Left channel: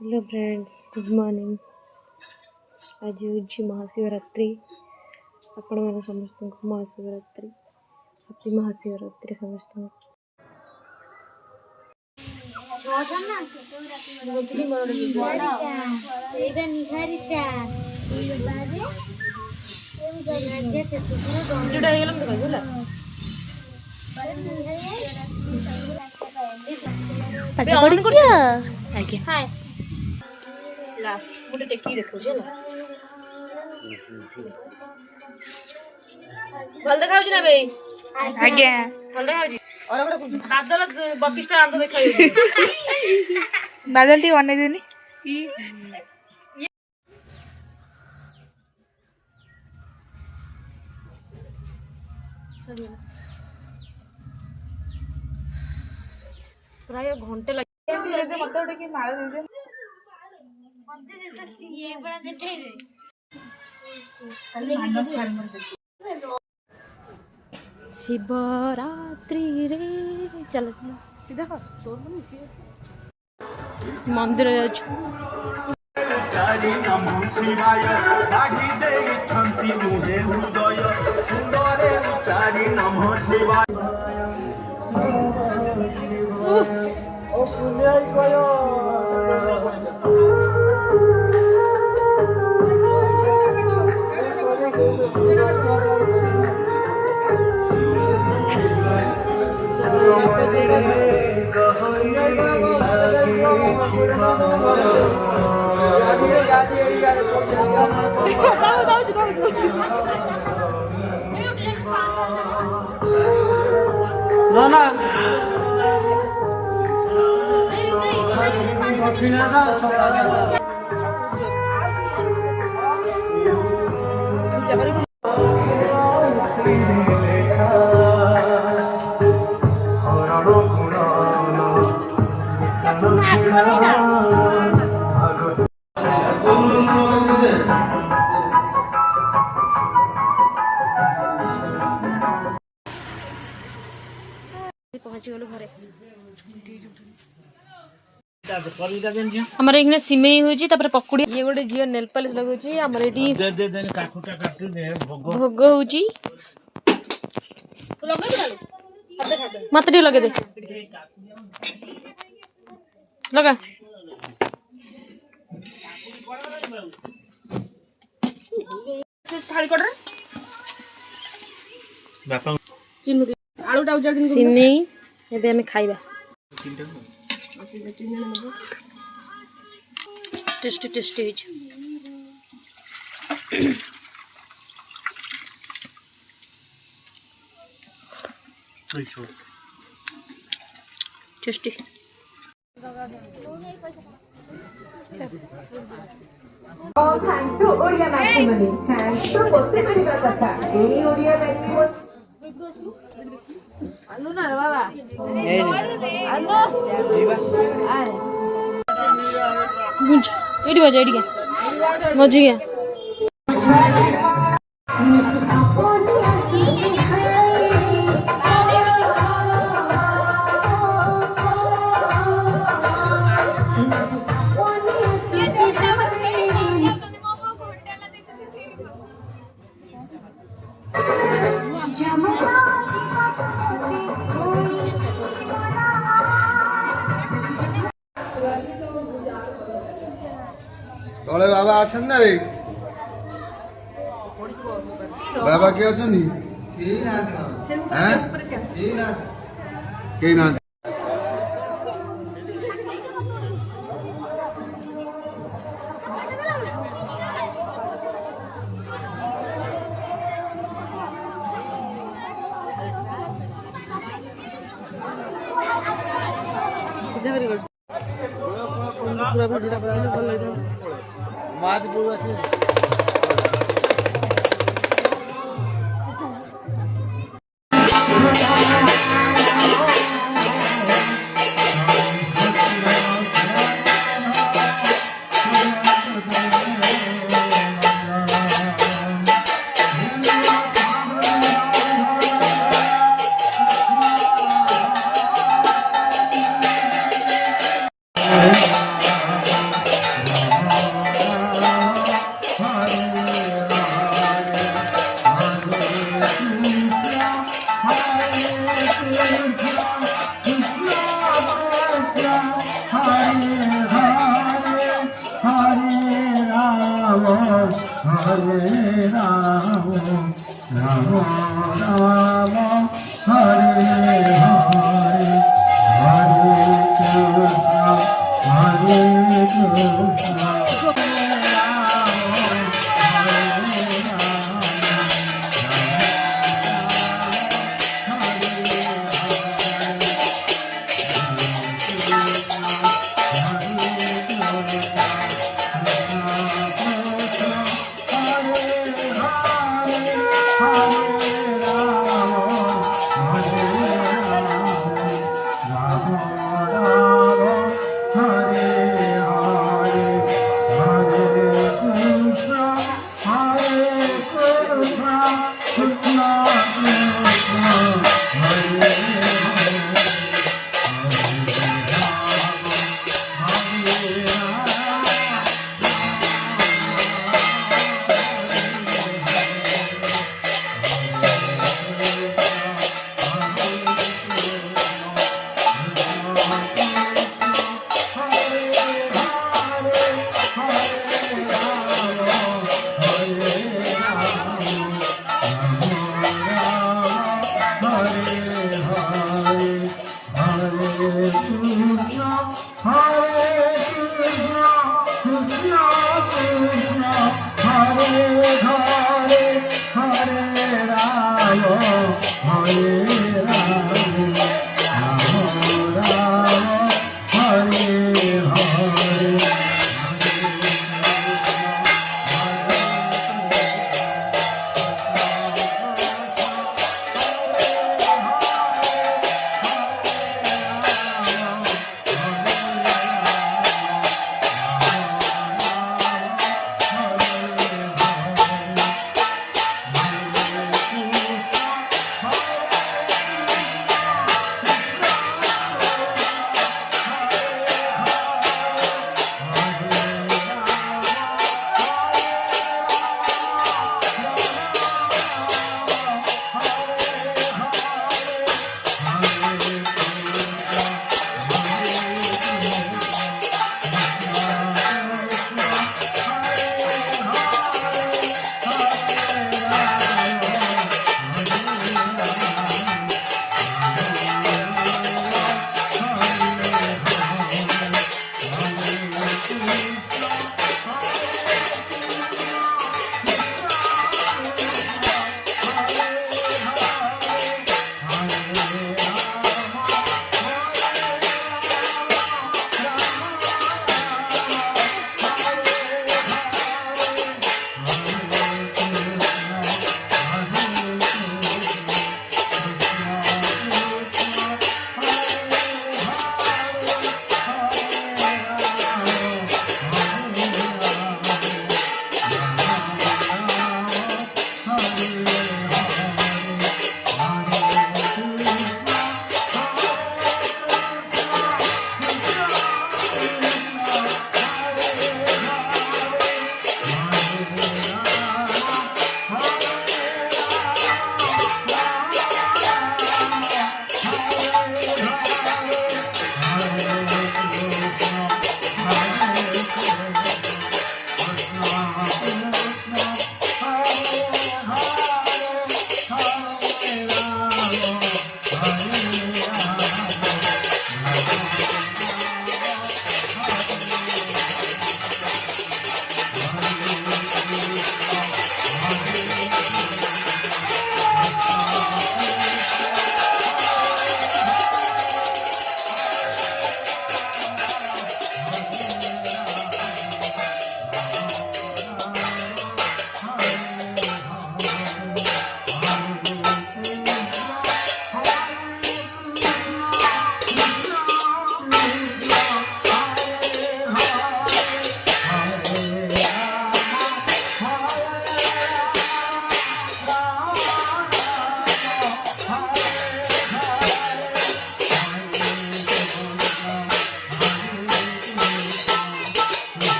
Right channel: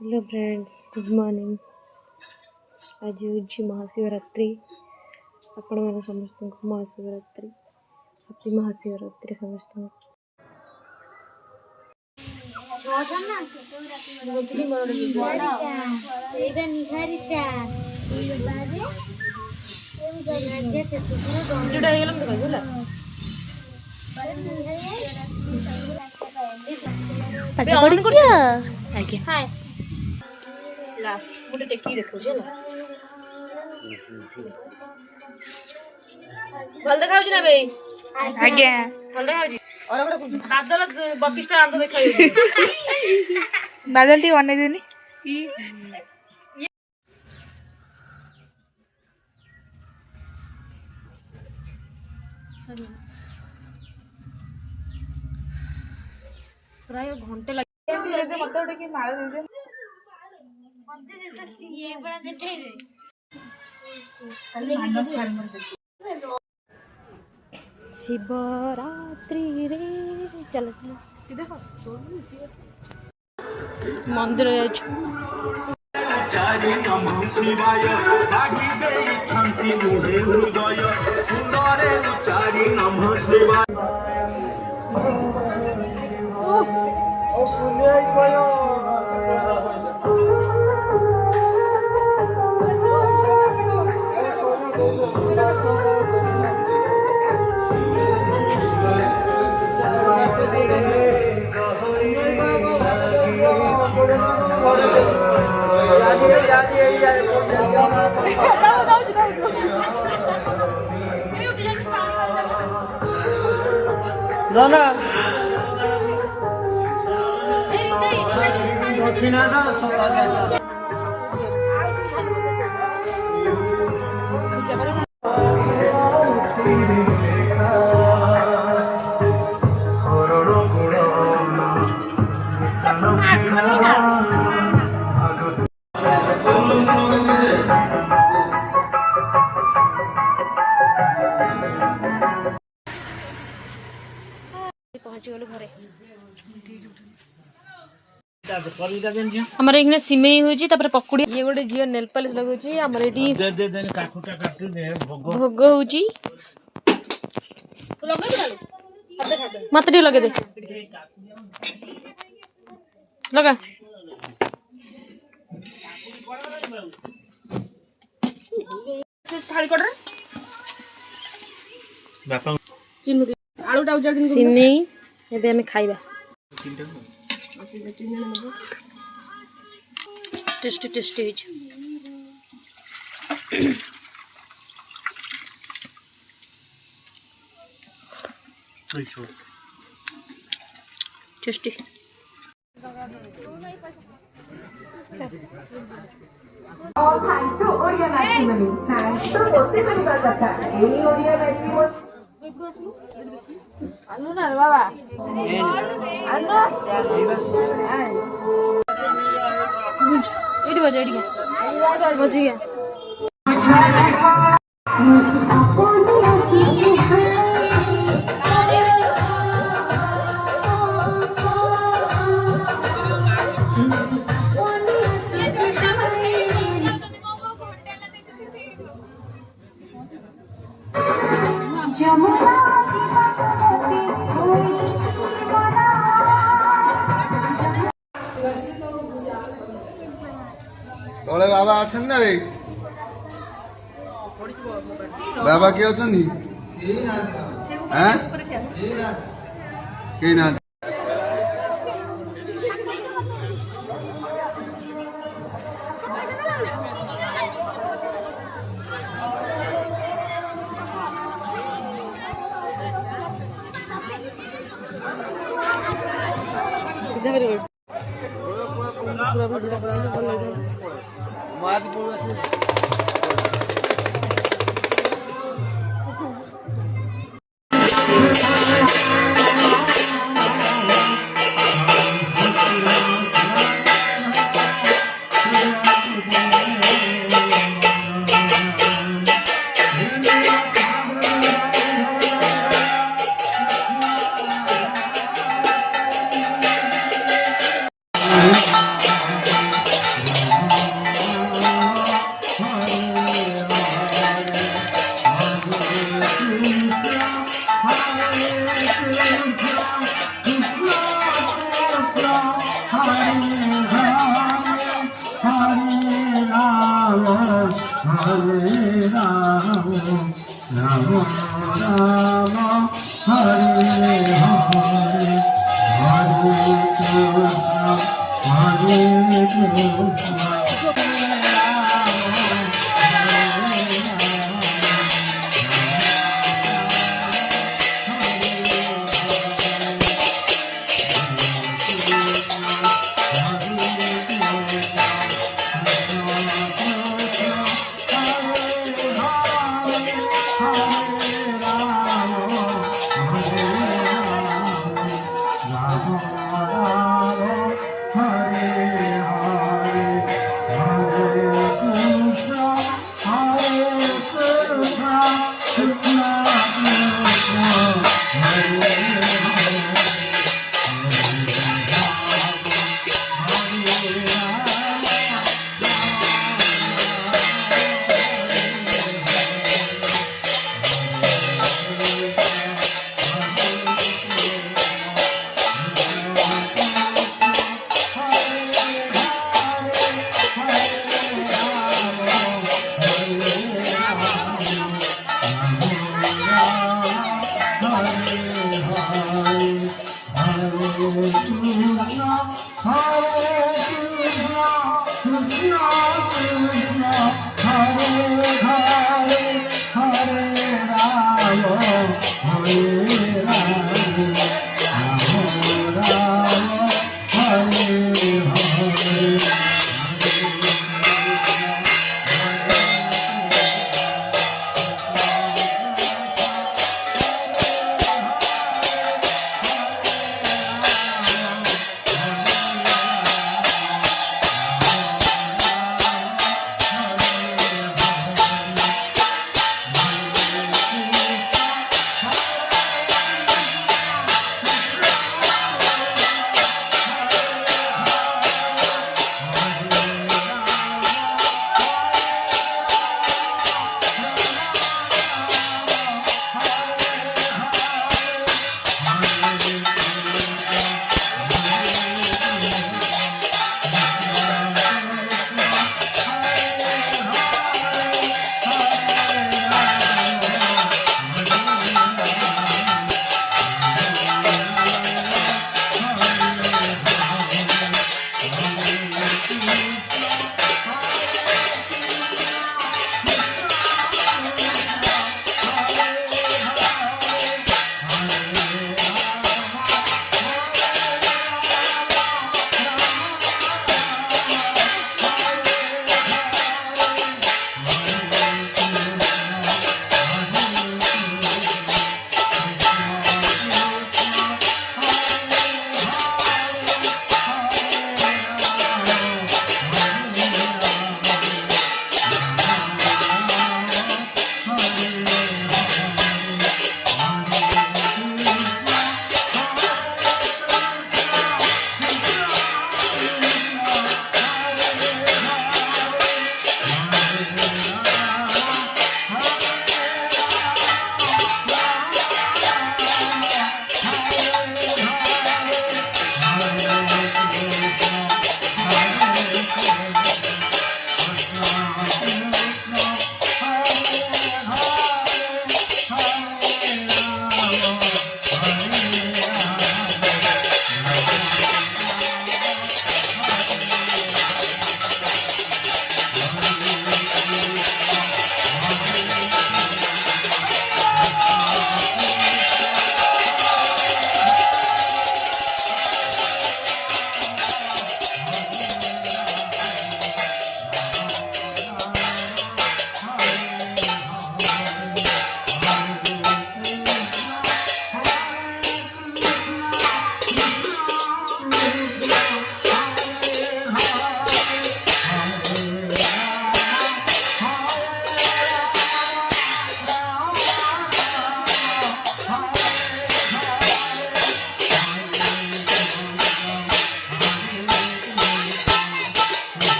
Hello friends, good morning. आज हूँ महाशिवरात्रि। आपण मैंने समस्त को महाशिवरात्रि, हैप्पी महाशिवरात्रि समस्त। लास्ट गोटे टेकी देखो भल देखा ना बे आज्ञा भल देखा और गोटे बादल 32 टा आंत देखा बादल टी बने देनी प्राय घंटे लगे शिवरात्रि रे चल मंदिर ना ना दक्षिणा छोटा पहुंची गलु घरे हमर एकने सिमेई होजी तापर पकुड़ी ये गोटे जियो नेल पॉलिश लगोची हमर एटी भोग होजी मत टी लगे दे लगा थाली कोडर बापा चिन्नु आलू टा उजल दिन सिमेई एबे हमें खाइबा tasty tasty tasty All thanks to Oriya Matrimony. Thanks to Poste Paribar Katha. Any Oriya Matrimony? आलू ना रे बाबा आलू गुंज एडी बजा एडी मजी है तले बाबा आछन ना रे बाबा के अछन हां के ना Hare Rama, Rama Rama, Hare Hare, Hare Krishna, Hare Krishna.